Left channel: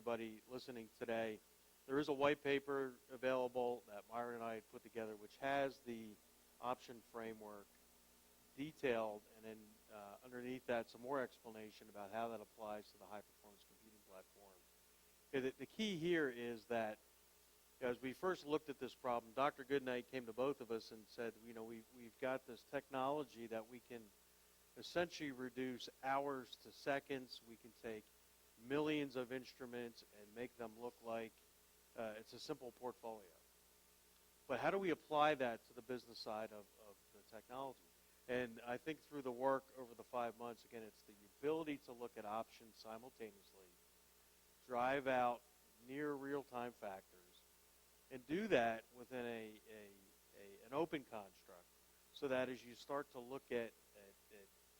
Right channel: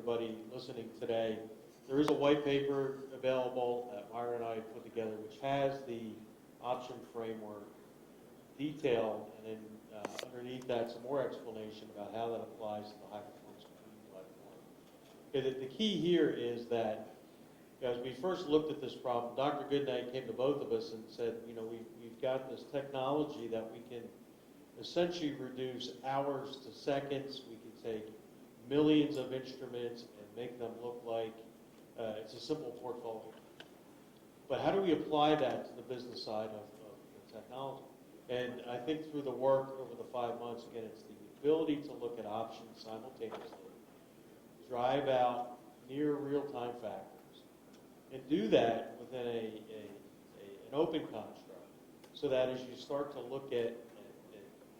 everybody listening today, there is a white paper available that Myron and I put together, which has the option framework detailed, and then underneath that, some more explanation about how that applies to the high-performance computing platform. Okay, the key here is that as we first looked at this problem, Dr. Goodnight came to both of us and said, we've got this technology that we can essentially reduce hours to seconds. We can take millions of instruments and make them look like it's a simple portfolio. But how do we apply that to the business side of the technology? And I think through the work over the 5 months, again, it's the ability to look at options simultaneously, drive out near real-time factors, and do that within an open construct, so that as you start to look at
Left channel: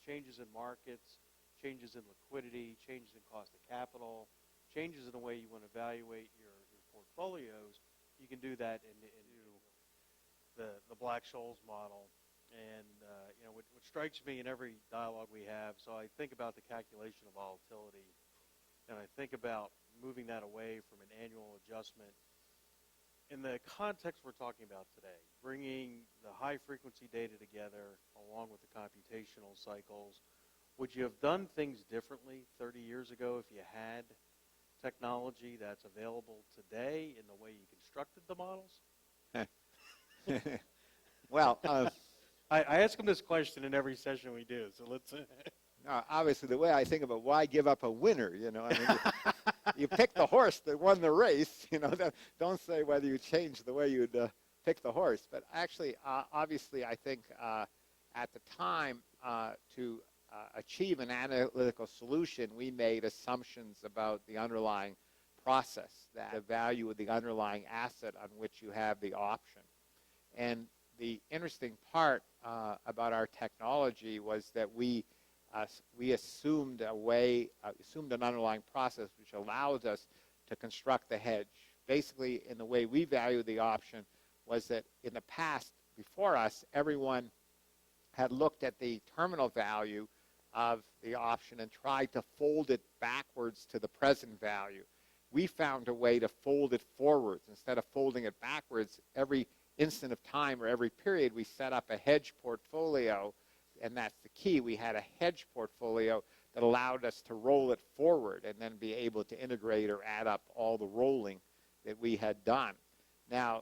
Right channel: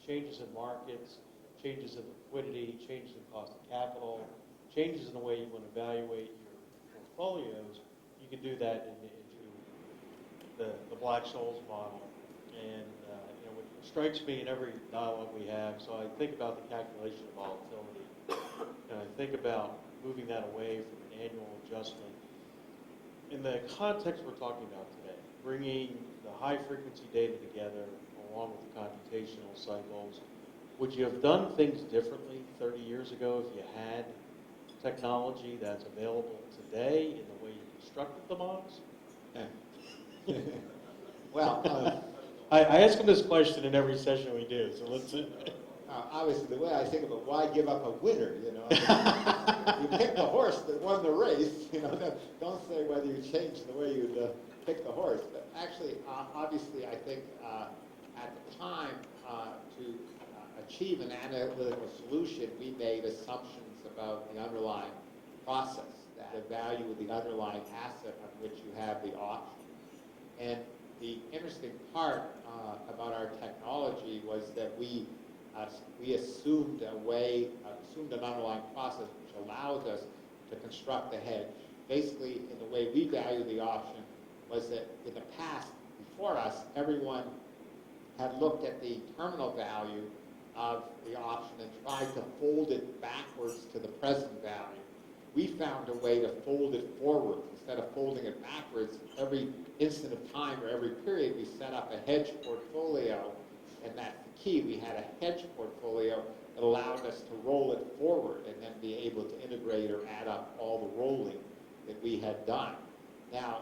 changes in markets, changes in liquidity, changes in cost of capital, changes in the way you want to evaluate your portfolios, you can do that into the Black-Scholes model. And what strikes me in every dialogue we have, so I think about the calculation of volatility, and I think about moving that away from an annual adjustment. In the context we're talking about today, bringing the high-frequency data together along with the computational cycles, would you have done things differently 30 years ago if you had technology that's available today in the way you constructed the models? Well, I ask them this question in every session we do, so let's see. Obviously, the way I think about why give up a winner, you pick the horse that won the race, don't say whether you changed the way you'd pick the horse. But actually, obviously, I think at the time to achieve an analytical solution, we made assumptions about the underlying process, the value of the underlying asset on which you have the option. And the interesting part about our technology was that we assumed an underlying process which allows us to construct the hedge. Basically, in the way we value the option was that in the past, before us, everyone had looked at the terminal value of the option and tried to fold it backwards to the present value. We found a way to fold it forwards. Instead of folding it backwards, every instant of time or every period, we set up a hedge portfolio, and that's the key. We had a hedge portfolio that allowed us to roll it forward and then be able to integrate or add up all the rolling that we had done. Now,